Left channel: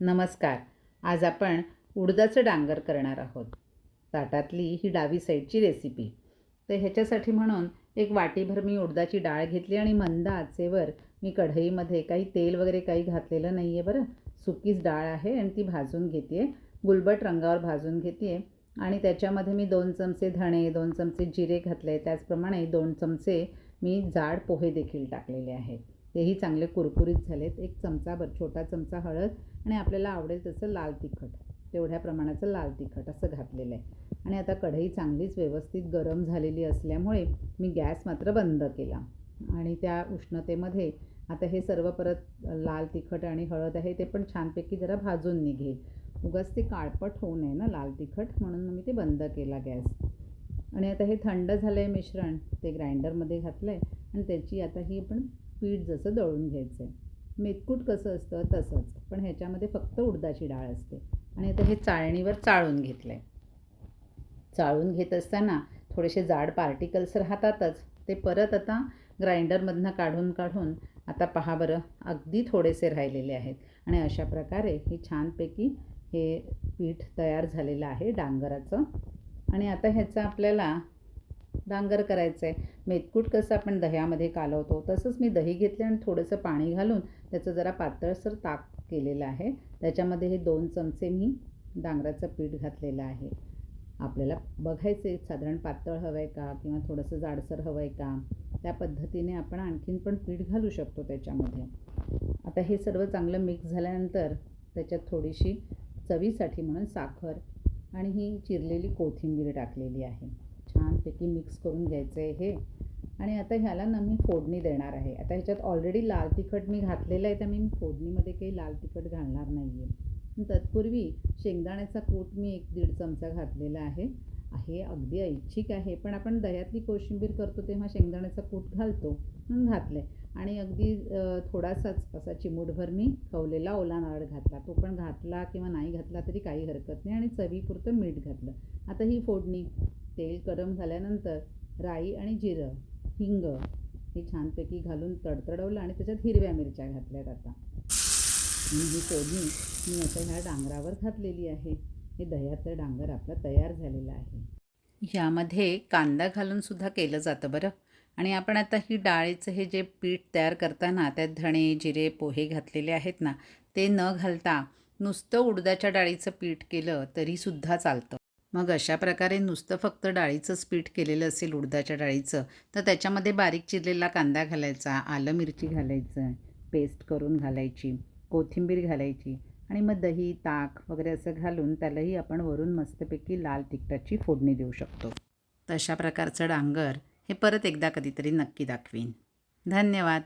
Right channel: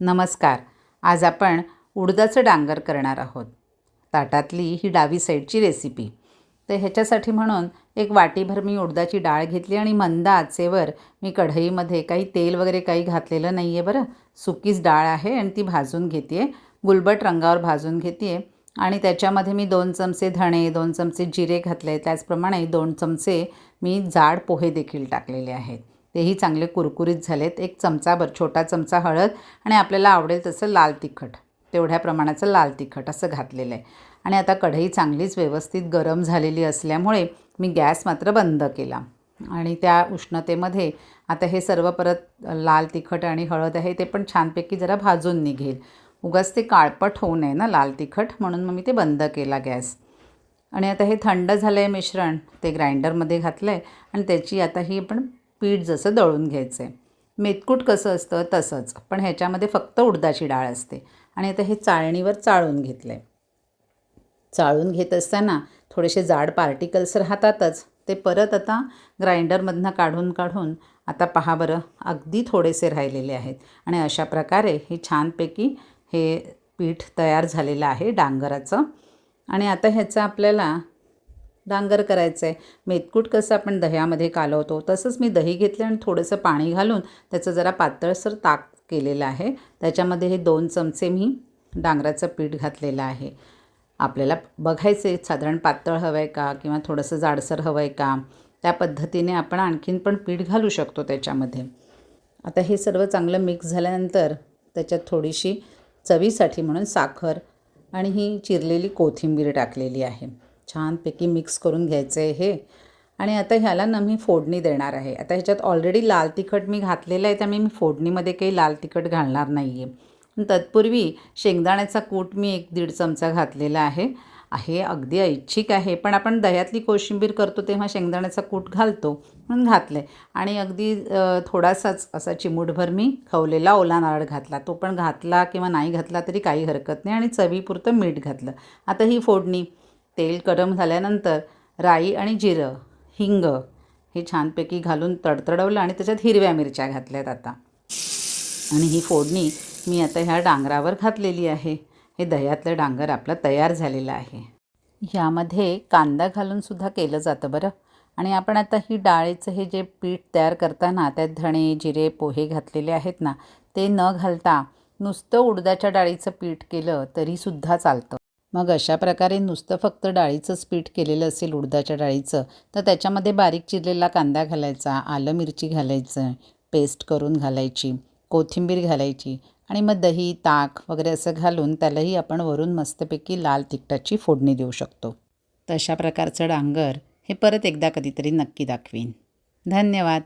नमस्कार. आज आपण उडदाचं डांगर करणार आहोत. ताटातली ही डावी साईडची रेसिपी. तर ह्याच्यासाठी म्हणून एक वाटीभर मी उडदाची डाळ घेतली आणि मंद आचेवर मी कढईमध्ये काही तेल वगैरे काही घातलेलं नाही आहे बरं. सुकीच डाळ आहे आणि ती भाजून घेते आहे. गुलबट रंगावर भाजून घेते आहे आणि त्याच्यामध्ये मी 2 चमचे धणे, 2 चमचे जिरे घातले. त्याचप्रमाणे 2 चमचे मी जाड पोहे देखील टाकलेले आहेत. तेही चांगले कुरकुरीत झालेत. एक चमचाभर छोटा चमचा हळद आणि आपल्याला आवडेल तसं लाल तिखट, तेवढ्या प्रमाणाचं लाल तिखट असं घातलेलं आहे. आणि आता कढई चांगलीच व्यवस्थित गरम झालेली असल्यामुळे मी गॅस मात्र बंद केला आणि त्या उष्णतेमध्ये आता हे सर्व परत लाल तिखट आणि हळद आहे ते पण छानपैकी जरा भाजून निघेल. उगाच ते काळपट होऊ नये ना लाल तिखट, म्हणून मग मी ते बंद केला गॅस. आणि आता हे थंड झालं आहे मिश्रण, ते ग्राइंडरमध्ये घातलं आहे आणि त्याची आता ही आपण पीठ जसं दळून घ्यायचं आहे. मेतकूट कसं असतं तसंच, पण ह्याच्यामध्ये फक्त उडदाची डाळ असते. आणि आता हे चाळणीवर चाळून घेतलं आहे. चाळून घेत असताना थोडेसे जाड पार्टिकल्स राहतातच, ते परत आता ग्राइंडरमधनं काढून काढून आता पहा बरं अगदी थोडेसे राहिलेले आहेत. आणि अशा प्रकारे हे छानपैकी हे पीठ तयार झालेलं आहे डांगराचं. आणि आता ह्याचं आपल्याला डांगर करायचं आहे. मेतकूट कसं आपण दह्यामध्ये कालवतो तसंच मी दही घेतलं आणि थोडंसं पाणी घालून त्याचं जरा पातळसर ताक केलेलं आहे. त्याच्यामध्ये हे 2 चमचे मी डांगराचं पीठ घातलेलं आहे. आपल्याला बघायचं आहे साधारण पातळ हवं आहे का किंवा थोडंसं जाडसर हवं आहे का, त्या पद्धतीने आपण आणखीन पण पीठ घालू शकतो त्याच्यामध्ये. आता हे सर्व चांगलं मिक्स झाल्यानंतर त्याच्यात थोडीशी चवीसाठी म्हणून साखर आणि ही चिरलेली कोथिंबीर टाकलेली आहे. छानपैकी मिक्स करून घ्यायचं आहे हे. आणि आता ह्याला ना मी फोडणी देणार आहे. आता ह्याच्यात ऑलरेडी लाल तिखट मी घातलेलं आहे, त्यामुळे मी फोडणीमध्ये काही लाल तिखट घालणार नाही आहे. तत्पूर्वी शेंगदाण्याचा कूट मी 1-1.5 चमचा घातलेला आहे. हे अगदी ऐच्छिक आहे, पण आपण दह्यातली कोशिंबीर करतो तेव्हा शेंगदाण्याचा कूट घालतो म्हणून घातलं आहे. आणि अगदी थोडासाच असा चिमूटभर मी खवलेला ओला नारळ घातला. तो पण घातला किंवा नाही घातला तरी काही हरकत नाही. आणि चवीपुरतं मीठ घातलं. आता ही फोडणी तेल गरम झाल्यानंतर राई आणि जिरं, हिंग हे छानपैकी घालून तडतडवलं आणि त्याच्यात हिरव्या मिरच्या घातल्यात आता. आणि ही फोडणी मी आता ह्या डांगरावर घातलेली आहे. हे दह्यातलं डांगर आपलं तयार झालेलं आहे. ह्यामध्ये कांदा घालूनसुद्धा केलं जातं बरं. आणि आपण आता ही डाळीचं हे जे पीठ तयार करताना त्यात धणे, जिरे, पोहे घातलेले आहेत ना, ते न घालता नुसतं उडदाच्या डाळीचं पीठ केलं तरीसुद्धा चालतं. मग अशा प्रकारे नुसतं फक्त डाळीचंच पीठ केलेलं असेल उडदाच्या डाळीचं, तर त्याच्यामध्ये बारीक चिरलेला कांदा घालायचा, आलं मिरची घालायचं, पेस्ट करून घालायची, कोथिंबीर घालायची आणि मग दही, ताक वगैरे असं घालून त्यालाही आपण वरून मस्तपैकी लाल तिखटाची फोडणी देऊ शकतो. तशा प्रकारचं डांगर हे परत एकदा कधीतरी नक्की दाखवीन. धन्यवाद.